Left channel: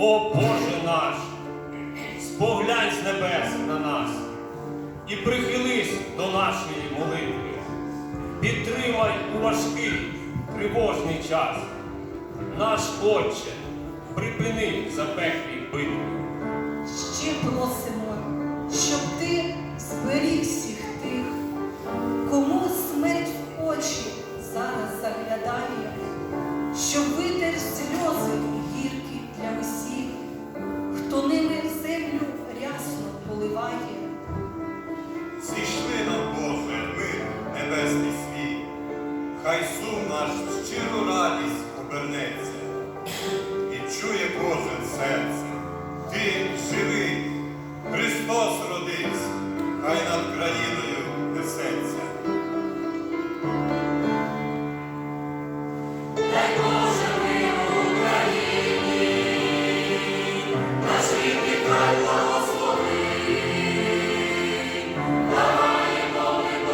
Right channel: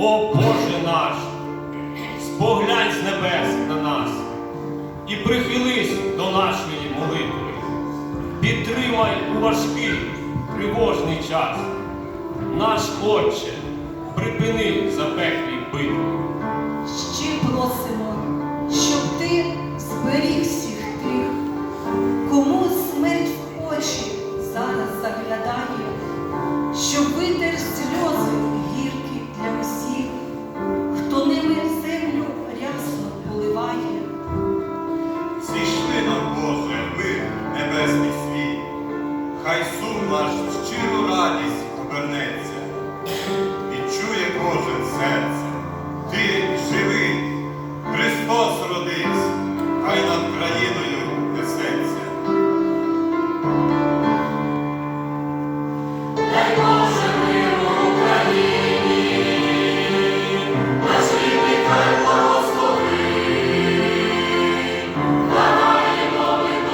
О Боже наш, споглянь з небес на нас і прихились до нашої молитви. Підтримай у важкий тривожний час. Наш Отче, припини хай сум наш щиру радість обернеться, і чує кожен серце, ти живий, Христос родився, хай над країною несеться. Дай Боже миру Україні, наш рідний край благослови, Даваємо ми